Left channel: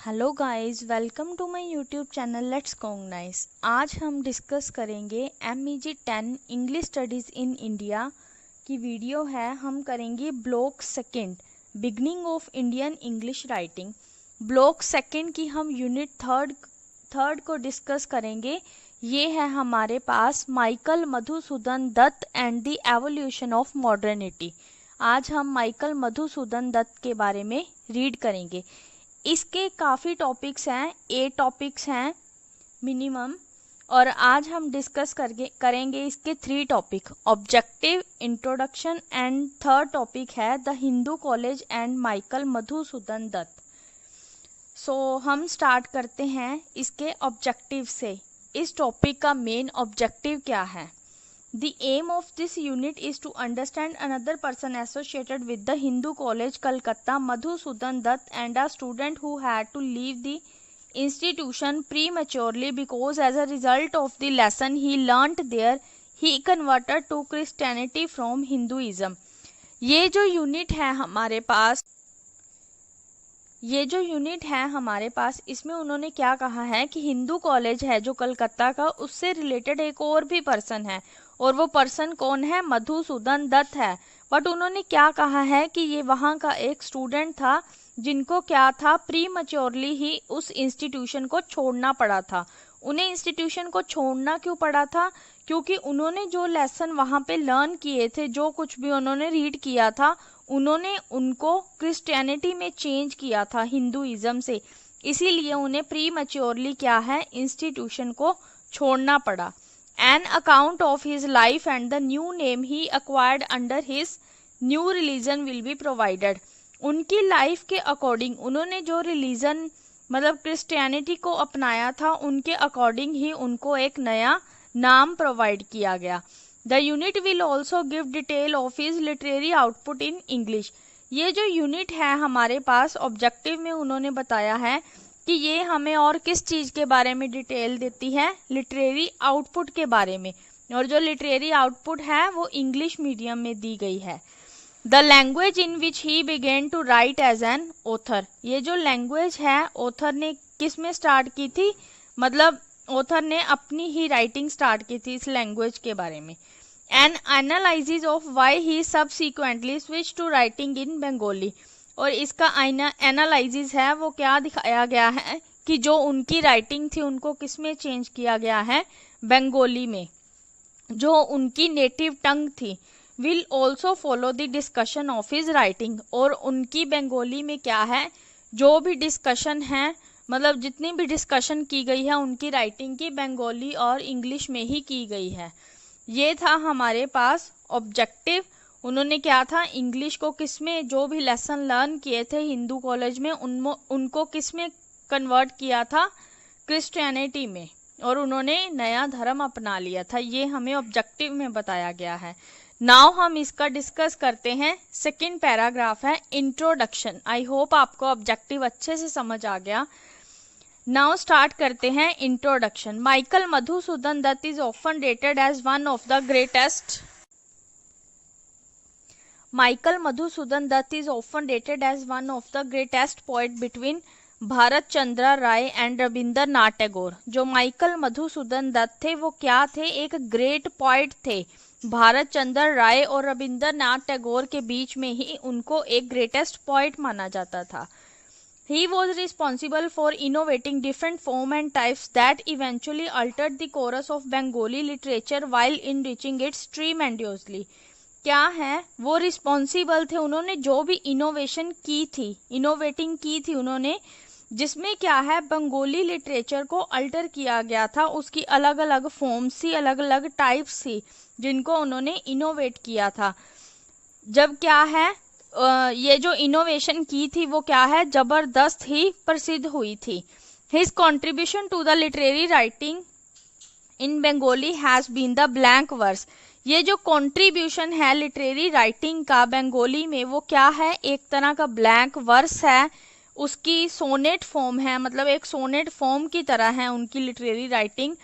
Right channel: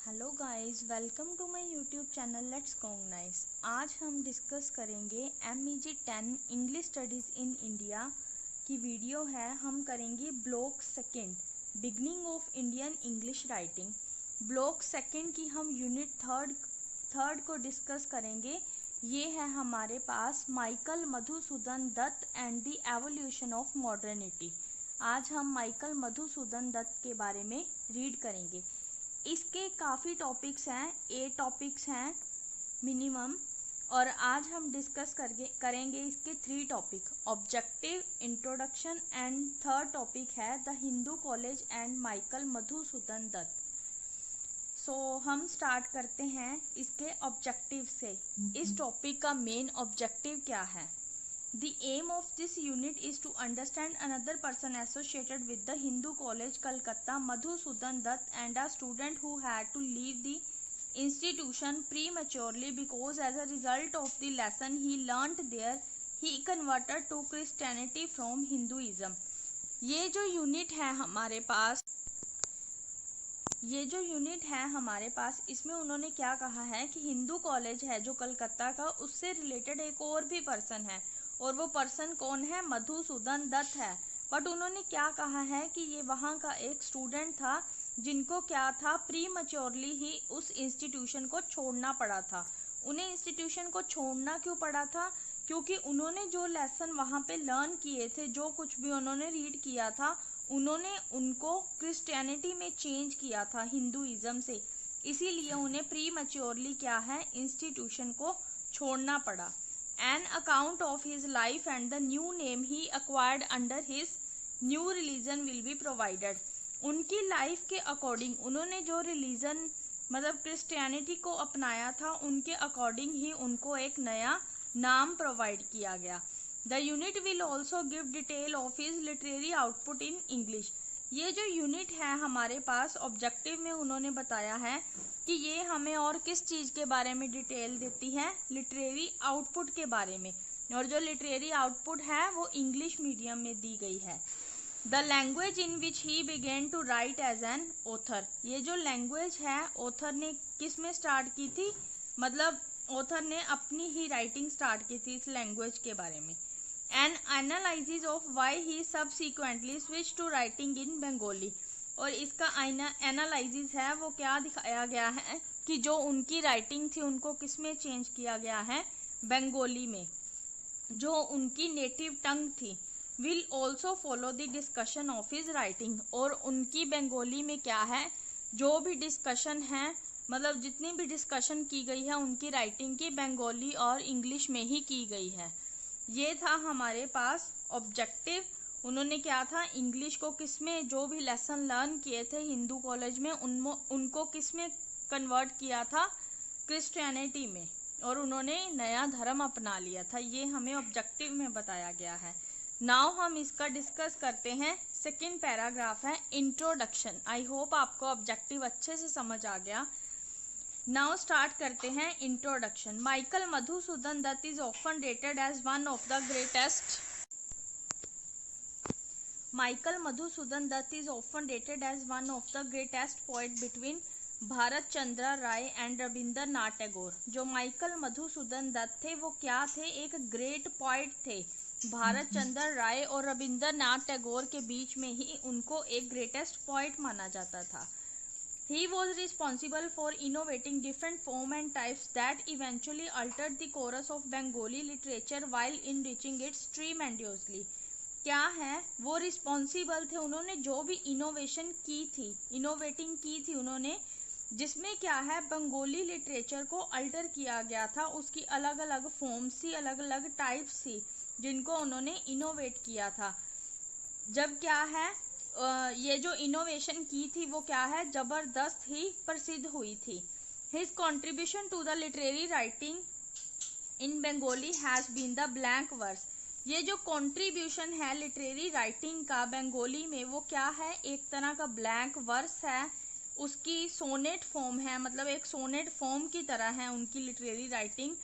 Hello guys, welcome to my YouTube channel let's cognize. आज हम discuss करेंगे MEG 10 English studies in India की video है। हम करेंगे block second beginning of Indian English writing. Block second की हम यूनिट थर्ड को डिस्कस करेंगे। ये है हमारे पास Michael Madhusudan Dutt and the evolution of modernity. आज हम माइकल मधुसूदन दत्त के बारे में रीड करेंगे। इसके काफ़ी टॉपिक्स हैं, 8 टॉपिक्स हैं मिनिमम, और आज हम डिस्कस करेंगे इसके 3 topic, objective, introduction and third topic है the Hindu college and Michael Madhusudan Dutt. हम स्टार्ट करते हैं इसके ऑब्जेक्टिव से। इस टॉपिक का मेन ऑब्जेक्टिव क्या है? The aim of this unit is to understand another person associated with the Hindu College, Calcutta, Madhusudan Dutt, and a student who had to leave the institution prematurely because as a result of the lesson he learnt there, he converted to Christianity from Hinduism. ये जो unit है हमारे पास इसमें उन्होंने क्या कहा है कि हिंदू कॉलेज है जो कलकत्ता का, उससे रिलेटेड एक और भी पर्सन है, और वो पर्सन कौन है? मधुसूदन दत्त है। बट उन्होंने क्या कहा है कि ये वहाँ का एक स्टूडेंट था जिनको क्या था, प्री मैच्योरली ही उस इंस्टीट्यूशन को छोड़ना पड़ा था। उन्हें इंस्टीट्यूशन को छोड़ना क्यों पड़ा था? क्योंकि उन्होंने जो लेसन वहाँ पे लर्न किए थे, जो कुछ भी उन्होंने रीड किया था, उन्होंने उनको क्रिश्चियनिटी में चेंज किया था, हिंदुइज्म से। इसीलिए उन्हें प्री मैच्योरली क्या है, इंस्टीट्यूशन को छोड़ना पड़ा। An account of his life and the new name he acquired under his new religion will be provided. उनकी लाइफ के अकॉर्डिंग उन्होंने जो रिलीजन मतलब क्रिश्चियनिटी को अपनाया था, उनके अकॉर्डिंग ही उनको एक नया नाम प्रोवाइड किया गया। The unit will also give detail of his literary output in English. ये जो यूनिट है हमारे पास ऑब्जेक्टिव में उन्होंने बताया है कि ये हमें और किस चीज़ के बारे में डिटेल देती है, लिटरेरी आउटपुट के बारे में। और जो लिटरेरी आउटपुट है वो इंग्लिश मीडियम में दी गई है। The language in which he began to write as an author. ये जो लैंग्वेज है ऑथर ने किस में स्टार्ट की थी, मतलब ऑथर ने अपनी ही राइटिंग स्टार्ट की थी इस लैंग्वेज के बारे में। An analysis of why he subsequently switch to writing in Bengali. और इसका एनालिसिस है वो क्या दिखाया गया है कि जो उनकी राइटिंग थी उनको किस में चेंज किया गया है, बंगाली में, जो उनकी नेटिव टंग थी। Will also follow the discussion of his writing. और उनकी बंगाली में क्या है, जो भी डिस्कशन है, मतलब जितनी भी डिस्कशन की गई है उनकी राइटिंग की, बंगाली और इंग्लिश में ही की गई है। ये था हमारे पास ऑब्जेक्टिव। उन्होंने क्या था, इंग्लिश को किस में, जो भी लेसन लर्न किए थे हिंदू कॉलेज में, उनको किस में कन्वर्ट किया था, क्रिश्चियनिटी में, और उन्होंने नया धर्म अपना लिया था। ये हमें ऑब्जेक्टिव में बताया गया है। नाउ हम इसका डिस्कस करते हैं। सेकंड पैराग्राफ है इंट्रोडक्शन। आई होप आपको ऑब्जेक्टिव अच्छे से समझ आ गया। नाउ स्टार्ट करते हैं introduction. Michael Madhusudan Dutt is often rated as one of the greatest Michael Madhusudan Dutt is often rated as one of the greatest poet between Bharat Chandra Ray and Rabindranath Tagore. जो माइकल मधुसूदन दत्त थे वो क्या थे, एक ग्रेट पॉइट थे। भारत चंद्र राय और रविंद्रनाथ टैगोर के बीच में ही उनको एक ग्रेटेस्ट पॉइट माना जाता था। He was responsible for innovating different form and types that eventually altered the course of Bengali literature while enriching it tremendously. क्या है, वो रिस्पॉन्सिबल थे, उन्होंने जो भी इनोवेटिंग की थी उन्होंने, जिसमें क्या है, बंगाली लिटरेचर को अल्टर किया गया था। उसकी अलग अलग फॉर्म्स थी, अलग अलग टाइप्स थी, जिनको उन्होंने इनोवेट किया था। जब क्या है, ये जो इनोवेशन की थी वो क्या है, जबरदस्त ही प्रसिद्ध हुई थी। His contribution to the literary writing in Bengali has been the blank verse. ये जो कंट्रीब्यूशन है लिटरेरी राइटिंग का बंगाली में, वो क्या है, एक तरह का ब्लैंक वर्स है। उसकी सोनेट फॉर्म है, मतलब एक सोनेट फॉर्म की तरह है उनकी लिटरेरी राइटिंग।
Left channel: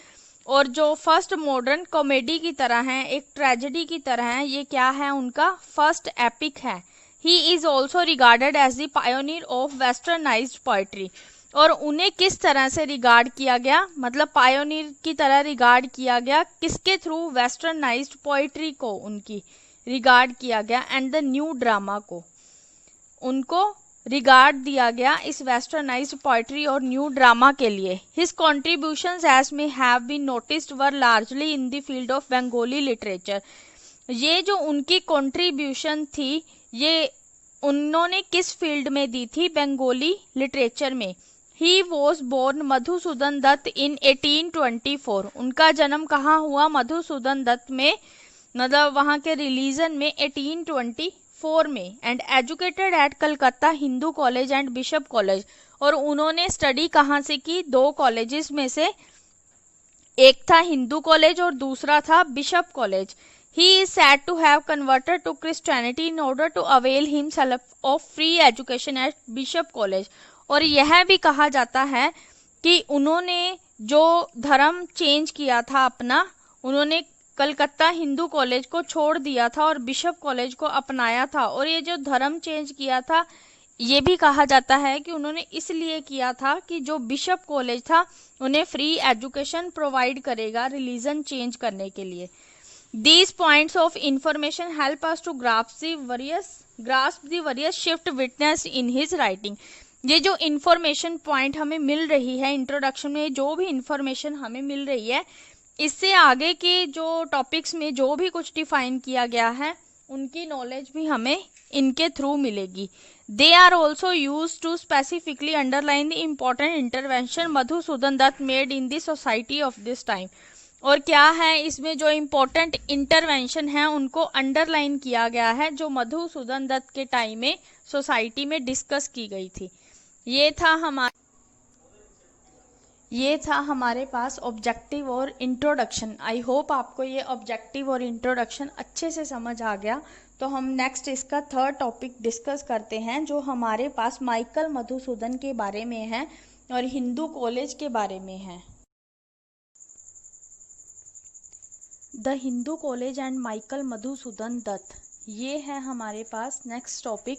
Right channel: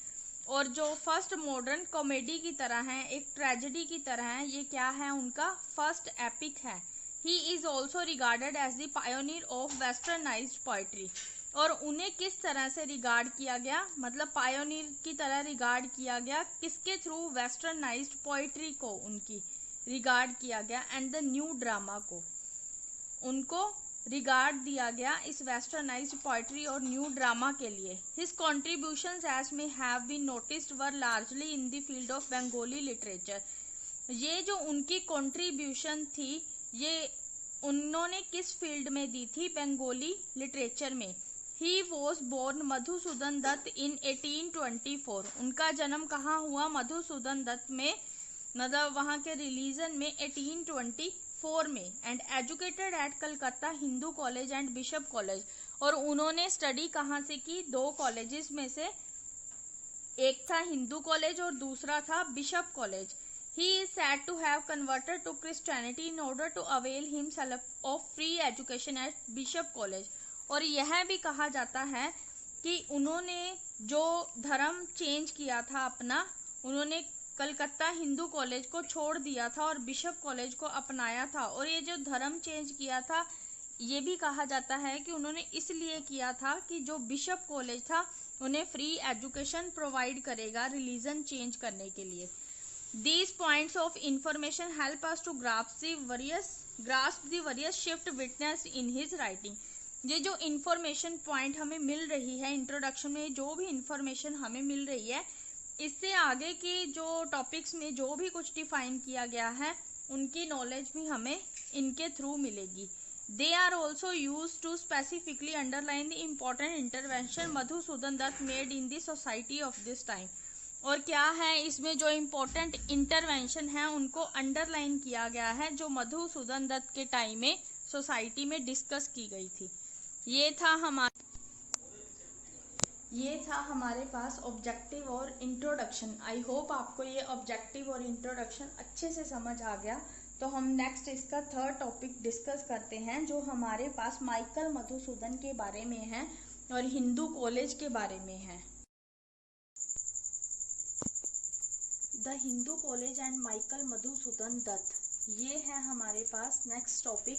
और जो फर्स्ट मॉडर्न कॉमेडी की तरह है, एक ट्रेजेडी की तरह है, ये क्या है, उनका फर्स्ट एपिक है। He is also regarded as the pioneer of westernized poetry. और उन्हें किस तरह से रिगार्ड किया गया, मतलब पायोनियर की तरह रिगार्ड किया गया, किसके थ्रू, वेस्टर्नाइज्ड पोइट्री को उनकी रिगार्ड किया गया एंड द न्यू ड्रामा को उनको रिगार्ड दिया गया इस वेस्टर्नाइज्ड पोइट्री और न्यू ड्रामा के लिए। His contributions as may have been noticed were largely in the field of Bengali literature. ये जो उनकी कॉन्ट्रीब्यूशन थी ये उन्होंने किस फील्ड में दी थी, बंगाली लिटरेचर में। He was born Madhusudan Dutt in 1824। उनका जन्म कहाँ हुआ, मधुसूदन दत्त में, मतलब वहाँ के रिलीजन में 1824 में। And educated eight Calcutta Hindu college and bishop college. और उन्होंने स्टडी कहाँ से की, दो कॉलेजेस में से, एक था हिंदू कॉलेज और दूसरा था bishop college. He is said to have converted to Christianity in order to avail himself of free education at Bishop College। और यह भी कहा जाता है कि उन्होंने जो धर्म चेंज किया था अपना, उन्होंने कलकत्ता हिंदू कॉलेज को छोड़ दिया था और बिशप कॉलेज को अपनाया था। और ये जो धर्म चेंज किया था ये भी कहा जाता है कि उन्होंने इसलिए किया था कि जो बिशप कॉलेज था उन्हें फ्री एजुकेशन प्रोवाइड करेगा रिलीजन चेंज करने के लिए। These points of information help us to grasp the various shift witnessed in his writing। ये जो information point हमें मिल रही है इंट्रोडक्शन में, जो भी information हमें मिल रही है, इससे आगे के जो टॉपिक्स में जो भी कुछ डिफाइन किया गया है उनकी नॉलेज भी हमें इनके थ्रू मिलेगी। They are also used to specifically underline the important intervention Madhusudan Dutt made in the society of this time। और क्या है इसमें जो इम्पोर्टेंट इंटरवेंशन है उनको अंडरलाइन किया गया है जो मधुसूदन दत्त के टाइम में सोसाइटी में डिस्कस की गई थी। ये था हमारे पास ऑब्जेक्टिव और इंट्रोडक्शन। आई होप आपको ये ऑब्जेक्टिव और इंट्रोडक्शन अच्छे से समझ आ गया। तो हम नेक्स्ट इसका थर्ड टॉपिक डिस्कस करते हैं जो हमारे पास माइकल मधुसूदन के बारे में है और हिंदू कॉलेज के बारे में है। The Hindu college and Michael Madhusudan Dutt, ये है हमारे पास नेक्स्ट टॉपिक।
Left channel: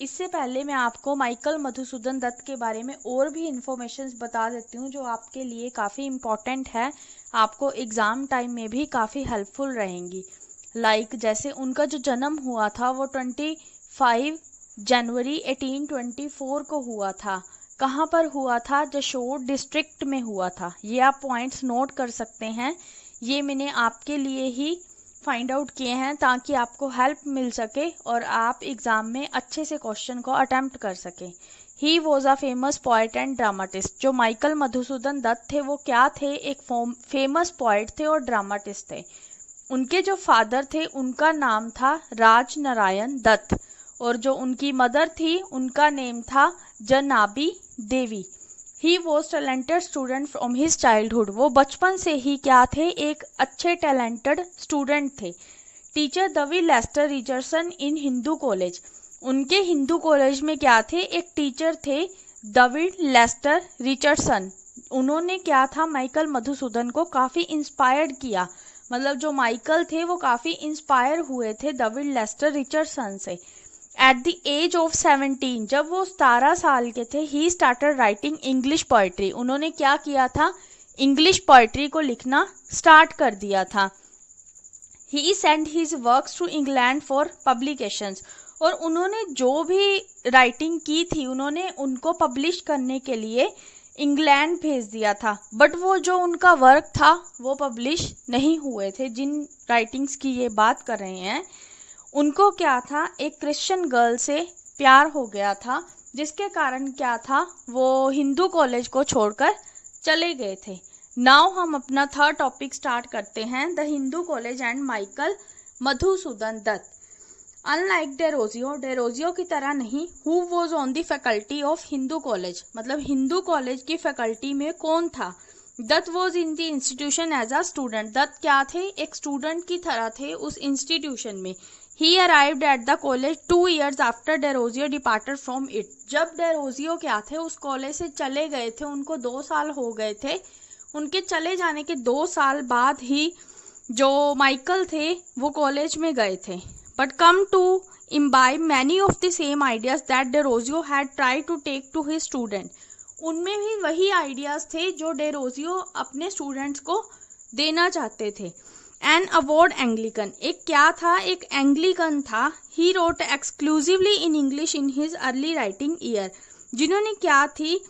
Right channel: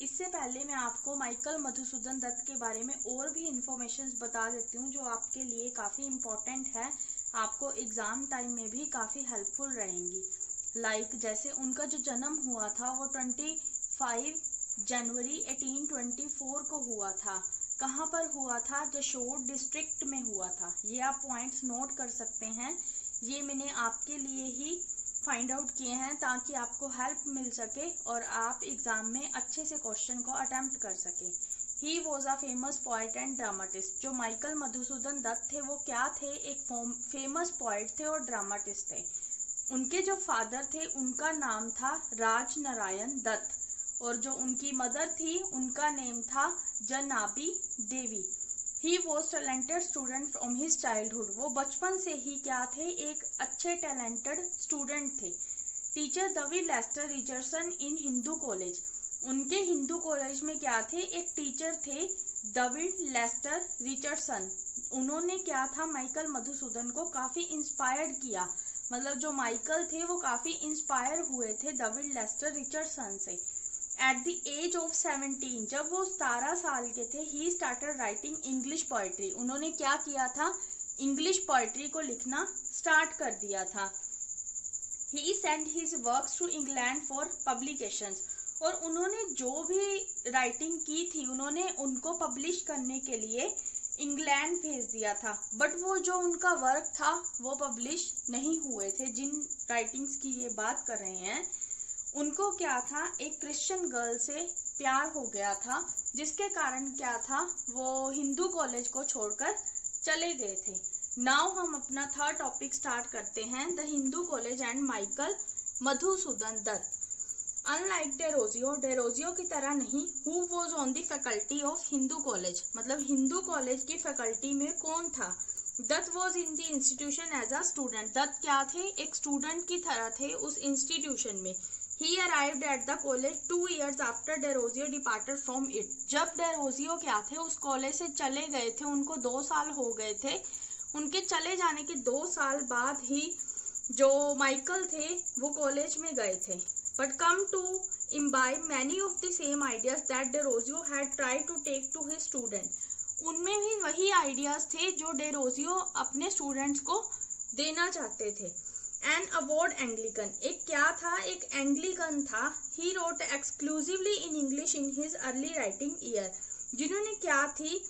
इससे पहले मैं आपको माइकल मधुसूदन दत्त के बारे में और भी इंफॉर्मेशंस बता देती हूँ जो आपके लिए काफ़ी इम्पॉर्टेंट है, आपको एग्ज़ाम टाइम में भी काफ़ी हेल्पफुल रहेंगी। लाइक जैसे उनका जो जन्म हुआ था वो 25 जनवरी 1824 को हुआ था। कहाँ पर हुआ था, जशोर डिस्ट्रिक्ट में हुआ था। ये आप पॉइंट्स नोट कर सकते हैं, ये मैंने आपके लिए ही फाइंड आउट किए हैं ताकि आपको हेल्प मिल सके और आप एग्ज़ाम में अच्छे से क्वेश्चन को अटेम्प्ट कर सकें। He was a famous poet and dramatist. जो माइकल मधुसूदन दत्त थे वो क्या थे, एक फेमस पोइट थे और ड्रामाटिस्ट थे। उनके जो फादर थे उनका नाम था राज नारायण दत्त और जो उनकी मदर थी उनका नेम था Janabi Devi. He was talented student from his childhood. वो बचपन से ही क्या थे, एक अच्छे टैलेंटेड स्टूडेंट थे। Teacher David Lester Richardson in Hindu college. उनके हिंदू कॉलेज में क्या थे, एक टीचर थे डेविड लेस्टर रिचर्डसन। उन्होंने क्या था, माइकल मधुसूदन को काफ़ी इंस्पायर्ड किया। मतलब जो माइकल थे वो काफ़ी इंस्पायर हुए थे डेविड लेस्टर रिचर्डसन से। एट द एज ऑफ 17, जब वो 17 साल के थे, he started writing English poetry. उन्होंने क्या किया था, इंग्लिश पोइट्री को लिखना स्टार्ट कर दिया था। He send his works to England for publications. और उन्होंने जो भी राइटिंग की थी उन्होंने उनको पब्लिश करने के लिए इंग्लैंड भेज दिया था। बट वो जो उनका वर्क था वो पब्लिश नहीं हुए थे। जिन राइटिंग्स की ये बात कर रहे हैं उनको क्या था, एक क्रिश्चियन गर्ल से प्यार हो गया था जिसके कारण क्या था, वो हिंदू कॉलेज को छोड़कर चले गए थे। नाउ हम अपना थर्ड टॉपिक स्टार्ट करते हैं, the Hindu college and Michael Madhusudan Dutt. Unlike Derozio की तरह नहीं, who was on the faculty of Hindu College. मतलब हिंदू कॉलेज की फैकल्टी में कौन था, Dutt was in the institution as a student. Dutt क्या थे, एक स्टूडेंट की तरह थे उस इंस्टीट्यूशन में। He arrived at the college 2 years after Derozio departed from it। जब डेरोजियो क्या थे उस कॉलेज से चले गए थे, उनको 2 साल हो गए थे। उनके चले जाने के 2 साल बाद ही जो माइकल थे वो कॉलेज में गए थे। But come to imbibe many of the same ideas that Derozio had tried to take to his student। उनमें भी वही आइडियाज थे जो डेरोजियो अपने स्टूडेंट्स को देना चाहते थे। एन अवॉर्ड एंग्लिकन, एक क्या था, एक एंग्लिकन था। He wrote exclusively in English in his early writing year, जिन्होंने क्या थी,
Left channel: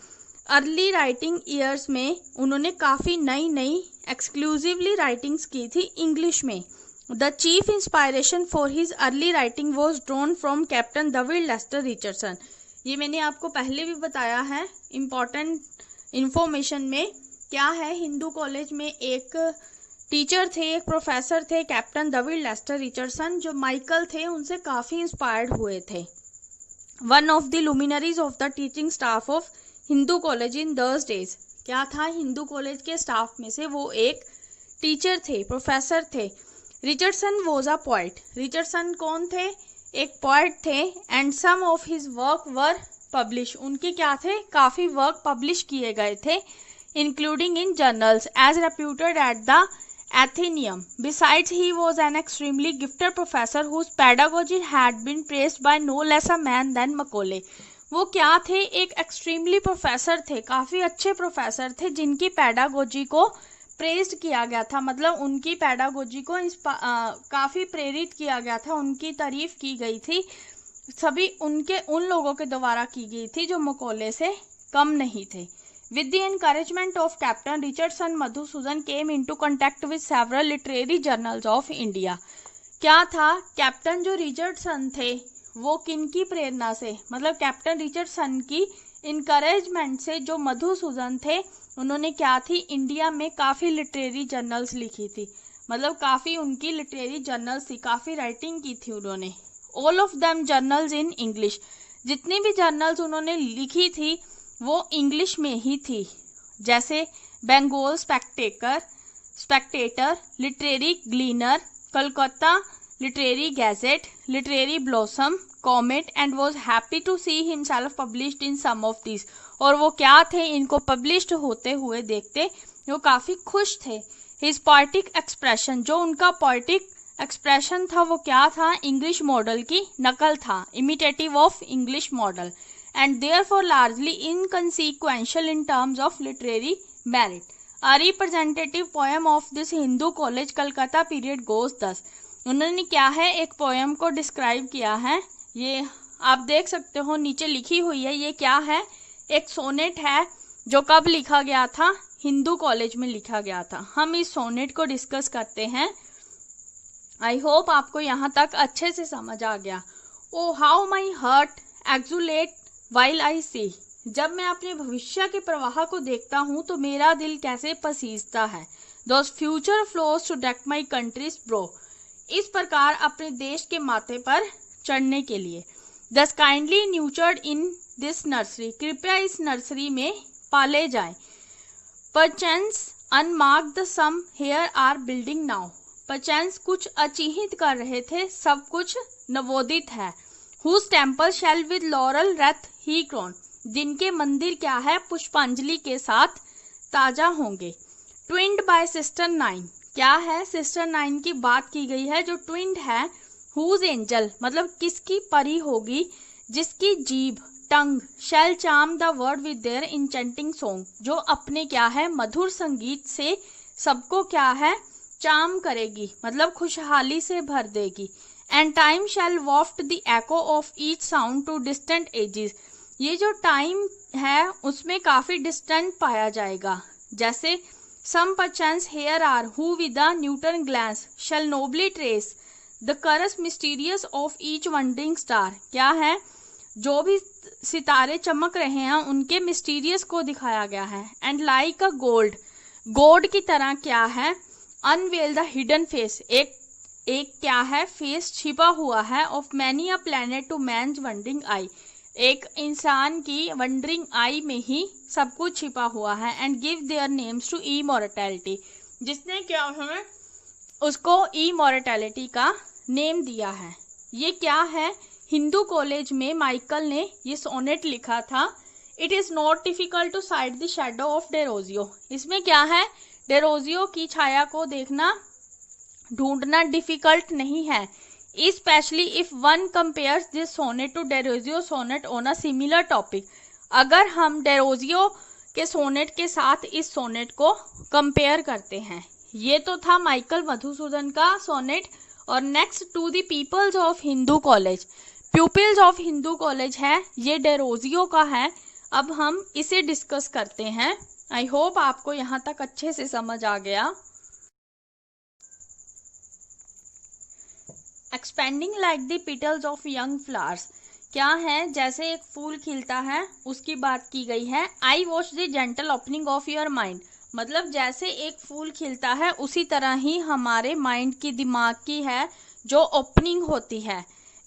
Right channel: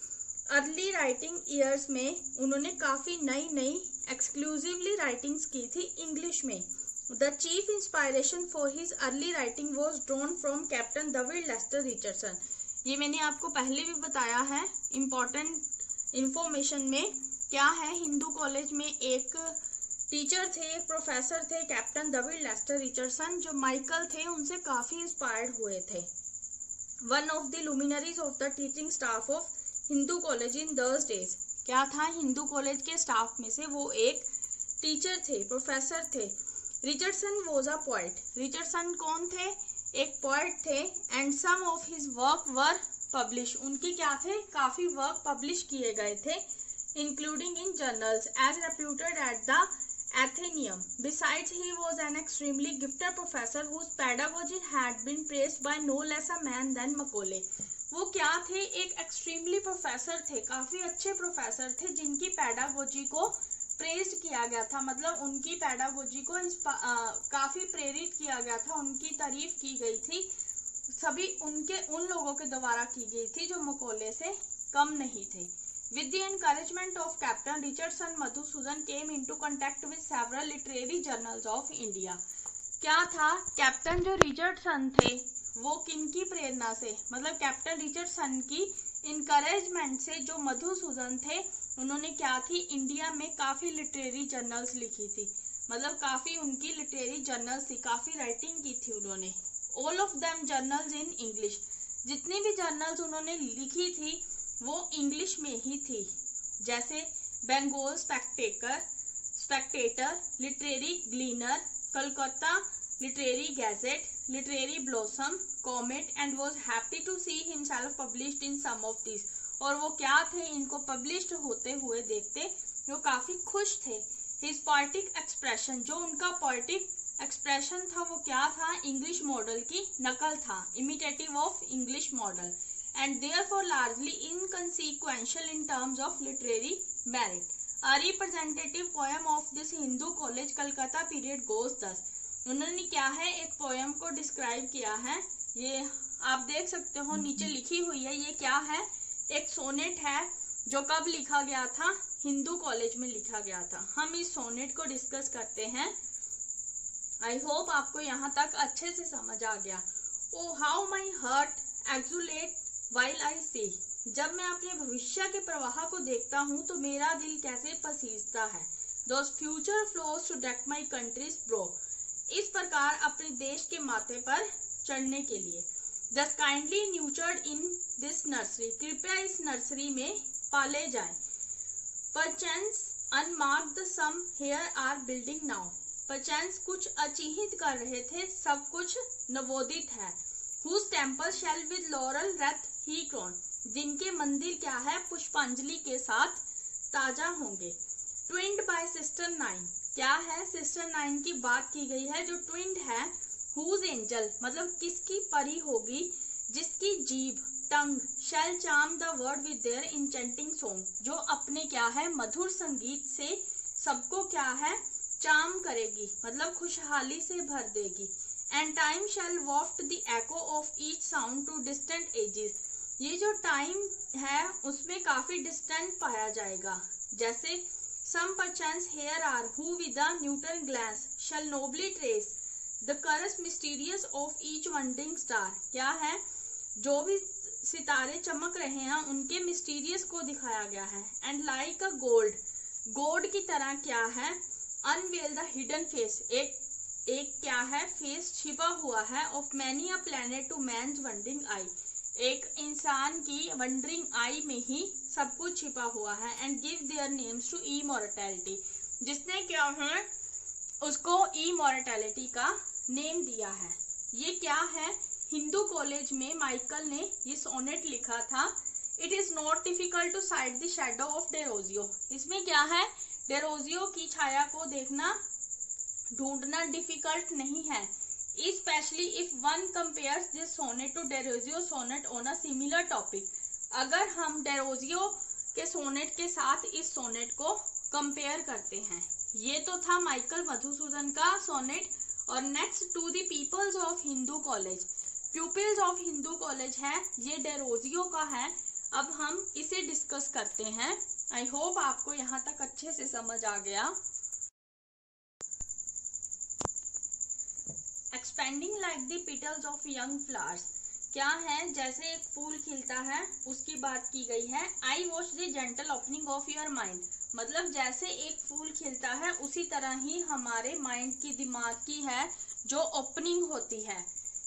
अर्ली राइटिंग ईयर्स में उन्होंने काफ़ी नई नई एक्सक्लूसिवली राइटिंग्स की थी इंग्लिश में। The chief inspiration for his early writing was drawn from Captain David Lester Richardson. ये मैंने आपको पहले भी बताया है इम्पॉर्टेंट इंफॉर्मेशन में। क्या है, हिंदू कॉलेज में एक टीचर थे, एक प्रोफेसर थे कैप्टन डेविड लेस्टर रिचर्डसन, जो माइकल थे उनसे काफ़ी इंस्पायर्ड हुए थे। One of the luminaries of the teaching staff of Hindu college in those days, क्या था, हिंदू कॉलेज के स्टाफ में से वो एक टीचर थे, प्रोफेसर थे। Richardson was a poet, Richardson कौन थे, एक पोइट थे। And some of his work were publish, उनके क्या थे, काफ़ी वर्क पब्लिश किए गए थे, including in journals as reputed at the Athenaeum. Besides, he was an extremely gifted professor whose pedagogy had been praised by no less a man than Macaulay. वो क्या थे, एक एक्सट्रीमली प्रोफेसर थे, काफ़ी अच्छे प्रोफेसर थे जिनकी पैडागोजी को प्रेज्ड किया गया था, मतलब उनकी पैडागोजी को काफ़ी प्रेरित किया गया था, उनकी तारीफ की गई थी, सभी उन लोगों के द्वारा की गई थी जो मकौले से कम नहीं थे। With the encouragement of Captain Richardson, Madhusudan came into contact with several literary journals of India. क्या था, कैप्टन जो रिचर्डसन थे वो किनकी प्रेरणा से, मतलब कैप्टन रिचर्डसन की इनकरेजमेंट से जो मधुसूदन थे उन्होंने क्या थी, इंडिया में काफ़ी लिटरेरी जर्नल्स लिखी थी, मतलब काफ़ी उनकी लिटरेरी जर्नल्स थी, काफ़ी राइटिंग की थी उन्होंने। All of them journals in English, जितनी भी जर्नल्स उन्होंने लिखी थी वो इंग्लिश में ही थी, जैसे Bengal Spectator, Literary Gleaner, Calcutta Literary Gazette, Literary Blossom, Comet, and was happy to see himself published in some of this. और वो क्या थे, इनको पब्लिश्ड होते हुए देखते वो काफ़ी खुश थे। हिज पोएटिक एक्सप्रेशन, जो उनका पोएटिक एक्सप्रेशन था वो क्या था, इंग्लिश मॉडल की नकल था, imitative of English model, and therefore largely inconsequential in terms of literary merit. A representative poem of this Hindu college Calcutta period goes thus. उन्होंने क्या है, एक पोएम को डिस्क्राइब किया है, ये आप देख सकते हो नीचे लिखी हुई है, ये क्या है, एक सोनेट है जो कब लिखा गया था, हिंदू कॉलेज में लिखा गया था। हम इस सोनेट को डिस्कस करते हैं। आई होप आपको यहाँ तक अच्छे से समझ आ गया। Oh how my heart exult while I see, जब मैं अपने भविष्य के प्रवाह को देखता हूँ तो मेरा दिल कैसे पसीजता है। Thus future flows to deck my country's brow, इस प्रकार अपने देश के माथे पर चढ़ने के लिए। These kindly nurtured in this nursery, कृपया इस नर्सरी में पाले जाएं। Perchance unmarked the some here are building now, perchance कुछ अचिहित कर रहे थे, सब कुछ नवोदित है। Whose temple shall with laurel wreath he crown, जिनके मंदिर क्या है, पुष्पांजलि के साथ ताजा होंगे। Twinned by sister nine, क्या है, सिस्टर नाइन की बात की गई है जो ट्विंड है। Whose angel, मतलब किसकी परी होगी, जिसकी जीभ टंग shall charm the word with their enchanting song, जो अपने क्या है, मधुर संगीत से सबको क्या है, चार्म करेगी, मतलब खुशहाली से भर देगी। And time shall waft the echo of each sound to distant ages, ये जो टाइम है उसमें काफ़ी डिस्टेंट पाया जाएगा। जैसे some perchance here are who with a Newton glance shall nobly trace the course mysterious of each wandering star, क्या है, जो भी सितारे चमक रहे हैं उनके मिस्टीरियस को दिखाया गया है। And like a गोल्ड की तरह क्या है, unveil the hidden face, एक क्या है, फेस छिपा हुआ है, of many a planet to man's wandering eye, एक इंसान की वंडरिंग आई में ही सब कुछ छिपा हुआ है। And give their names to immortality, जिसने क्या है उसको इमॉर्टैलिटी का नेम दिया है। ये क्या है, हिंदू कॉलेज में माइकल ने ये सोनेट लिखा था। It is not difficult to side the shadow of Derozio, इसमें क्या है, डेरोजियो की छाया को देखना ढूंढना डिफिकल्ट नहीं है। Specially if one compares this sonnet to Derozio sonnet on a similar topic, अगर हम डेरोजियो के सोनेट के साथ इस सोनेट को कंपेयर करते हैं। ये तो था माइकल मधुसूदन का सोनेट। और next to the peoples of Hindu College. Pupils of Hindu College है, ये डेरोजियो का है। अब हम इसे डिस्कस करते हैं। आई होप आपको यहाँ तक अच्छे से समझ आ गया। Expanding like the petals of young flowers, क्या है, जैसे एक फूल खिलता है उसकी बात की गई है। I watch the gentle opening of your mind, मतलब जैसे एक फूल खिलता है उसी तरह ही हमारे माइंड की, दिमाग की है जो ओपनिंग होती है।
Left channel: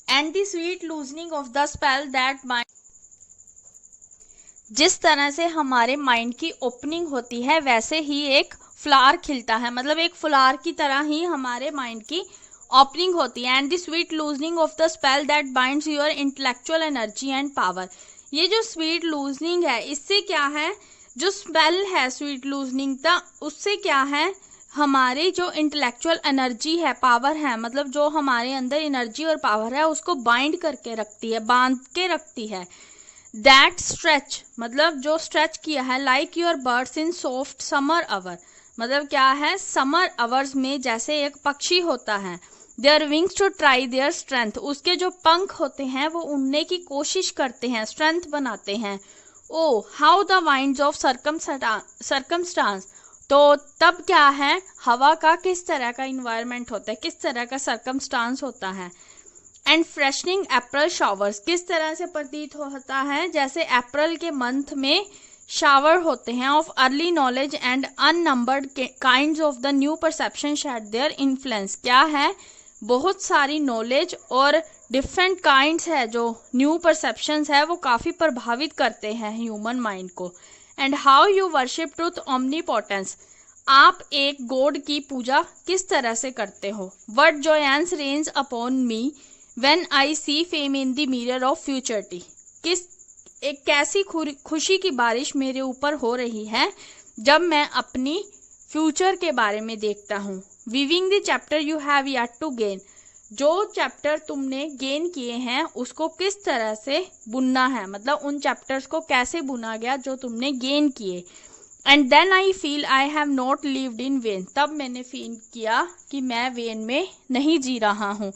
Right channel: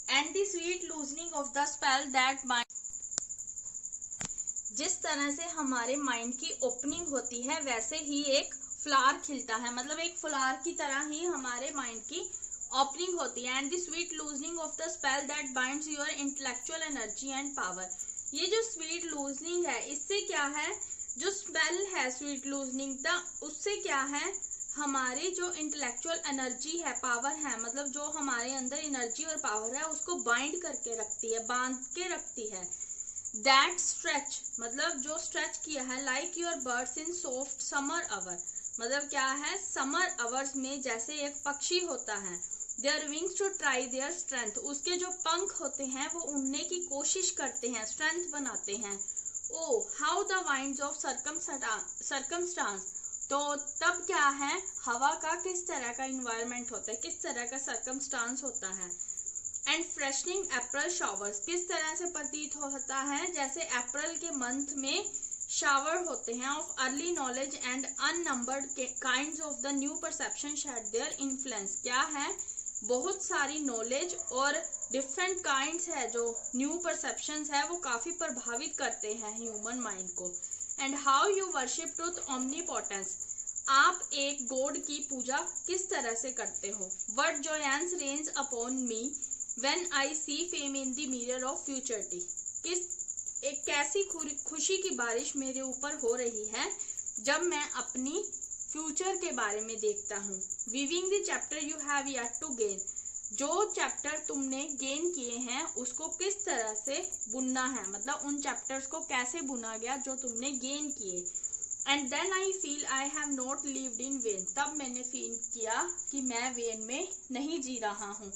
And the sweet loosening of the spell that mind, जिस तरह से हमारे माइंड की ओपनिंग होती है वैसे ही एक फ्लावर खिलता है, मतलब एक फ्लावर की तरह ही हमारे माइंड की ओपनिंग होती है। And the sweet loosening of the spell that binds your intellectual energy and power, ये जो स्वीट लूजनिंग है इससे क्या है, जो स्पेल है स्वीट लूजनिंग का, उससे क्या है, हमारे जो इंटेलेक्चुअल एनर्जी है, पावर है, मतलब जो हमारे अंदर एनर्जी और पावर है उसको बाइंड करके रखती है, बांध के रखती है। दैट स्ट्रेच, मतलब जो स्ट्रेच किया है, like your birds in soft summer hour, मतलब क्या है, समर आवर्स में जैसे एक पक्षी होता है, their wings to try their strength, उसके जो पंख होते हैं वो उड़ने की कोशिश करते हैं, स्ट्रेंथ बनाते हैं। Oh how the winds of circumstance, तो तब क्या है, हवा का किस तरह का इन्वायरमेंट होता है, किस तरह का सर्कमस्टांस होता है। एंड फ्रेशनिंग अप्रैल शावर्स, किस तरह से प्रतीत होता है, जैसे अप्रैल के मंथ में शावर होते हैं of early knowledge and unnumbered kinds of the new perception shade their influence, क्या है, बहुत सारी नॉलेज और डिफरेंट काइंड्स है, जो न्यू परसेप्शंस है वो काफ़ी प्रभावित करते हैं ह्यूमन माइंड को। And how you worship truth omnipotence, आप एक गॉड की पूजा किस तरह से करते हो। What joyance rains upon me when I see fame in the mirror of futurity, एक कैसी खुशी की बारिश मेरे ऊपर हो रही है जब मैं अपनी फ्यूचर के बारे में देखता हूँ। Weaving the chapter you have yet to gain, जो चैप्टर तुमने गेन किए हैं उसको किस तरह से बुनना है, मतलब उन चैप्टर्स को कैसे बुना गया जो तुमने गेन किए। And then I feel I have not lived in vain, तब मैंने फील किया कि मैं वेन में नहीं जी रहा हूँ।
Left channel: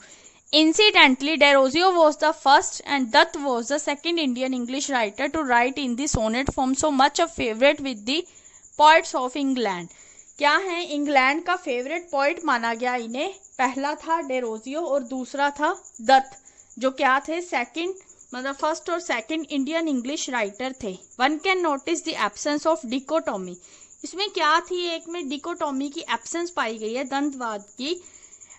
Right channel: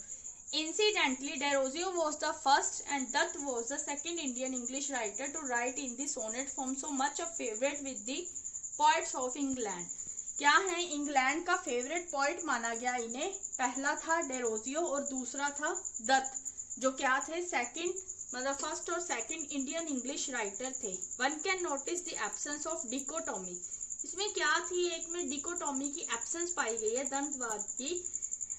Incidentally, Derozio was the first and Dutt was the second Indian English writer to write in the sonnet form, so much a favorite with the poets of England. क्या है, इंग्लैंड का फेवरेट पोइट माना गया इन्हें। पहला था Derozio और दूसरा था दत्त, जो क्या थे, सेकंड, मतलब फर्स्ट और सेकंड इंडियन इंग्लिश राइटर थे। One can notice the absence of dichotomy, इसमें क्या थी, एक में डिकोटोमी की एब्सेंस पाई गई है, द्वंद्ववाद की।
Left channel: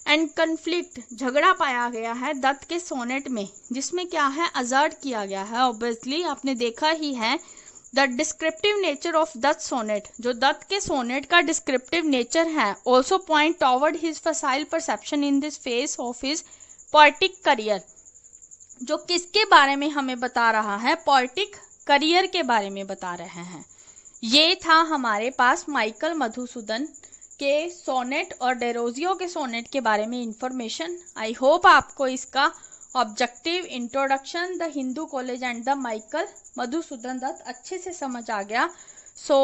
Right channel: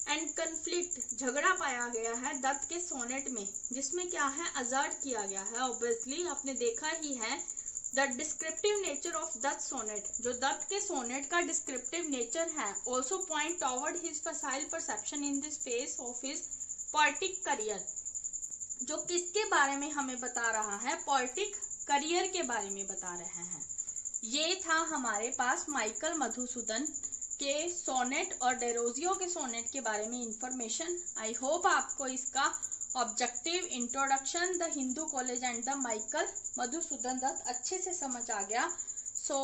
एंड कन्फ्लिक्ट, झगड़ा पाया गया है दत्त के सोनेट में, जिसमें क्या है, अजर्ट किया गया है। ऑब्वियसली आपने देखा ही है the descriptive nature of Dutt sonnet, जो दत्त के सोनेट का डिस्क्रिप्टिव नेचर है, also point toward his facile perception in this phase of his poetic career, जो किसके बारे में हमें बता रहा है, पोएटिक करियर के बारे में बता रहे हैं। ये था हमारे पास माइकल मधुसूदन के सोनेट और डेरोजियो के सोनेट के बारे में इंफॉर्मेशन। आई होप आपको इसका objective, introduction, the Hindu college and the Michael Madhusudan Dutt अच्छे से समझ आ गया। सो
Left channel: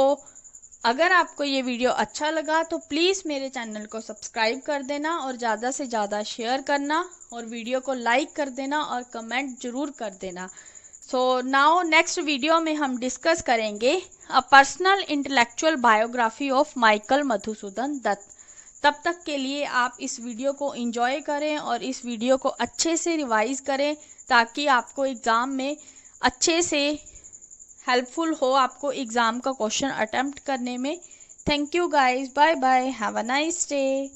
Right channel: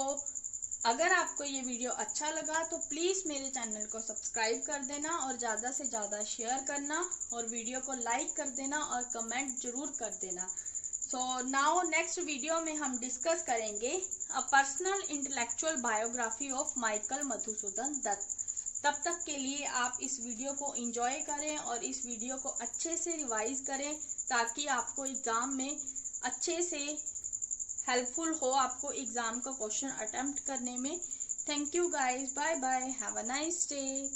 अगर आपको ये वीडियो अच्छा लगा तो प्लीज़ मेरे चैनल को सब्सक्राइब कर देना और ज़्यादा से ज़्यादा शेयर करना और वीडियो को लाइक कर देना और कमेंट ज़रूर कर देना। सो नाउ नेक्स्ट वीडियो में हम डिस्कस करेंगे a personal intellectual biography of Michael Madhusudan Dutt. तब तक के लिए आप इस वीडियो को एंजॉय करें और इस वीडियो को अच्छे से रिवाइज करें ताकि आपको एग्ज़ाम में अच्छे से हेल्पफुल हो, आपको एग्ज़ाम का क्वेश्चन अटेम्प्ट करने में। Thank you guys, bye bye, have a nice day.